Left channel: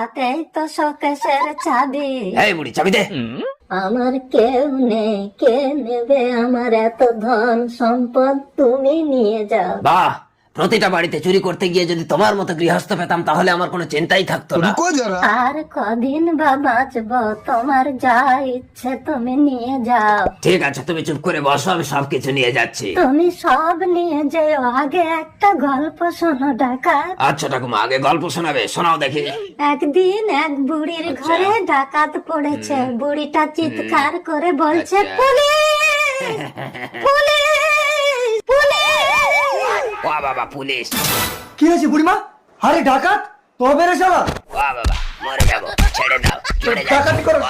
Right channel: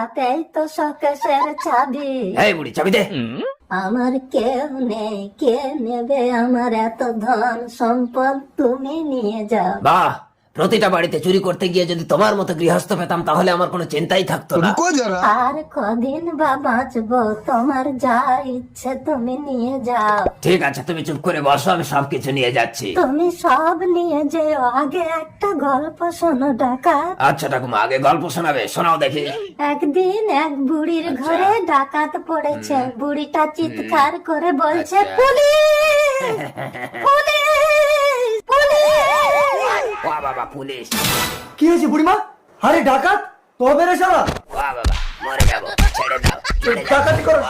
হাতেই তো শোকেশের চাবি। এই বুড়ি চাবি দে। আমার কেউ নেই, কে নেবে আমার এত ধন সম্পদ, তুমি নিয়ে যাও। বাহ, প্রতিটা বাড়িতে চুরি করতে গিয়ে যদি তোমার মতো গৃহস্থ পেতাম তাহলে আমার কোনো চিন্তাই থাকতো না। আর কদিন বা বাঁচবো, তোমার যা ইচ্ছে তুমি নিয়ে যাও। ঠিক আছে, তুমি চুপ করে বসো, আমি সবকিছু নিয়ে যাচ্ছি। তুমি সব নিয়ে যাও, আগে একটা গল্প শোনো ডাকাত। আচ্ছা ঠাকুমা, আগে গল্প শোনাবে, শোনাও দেখি। একদিন এক বুড়ির ঘরে ডাকাত পড়েছে। বুড়িটা চিৎকার করে বলছে, পুলিশ পুলিশ পুলিশ। ওয়া বাবা, পুলিশ! কি হয়েছে বুড়িমা? আরে ডাকাত, তবে রে শালা, ওয়া বাবা, মরে যাবো, ছেড়ে দাও, চলে যাও। ডাকাতি করো।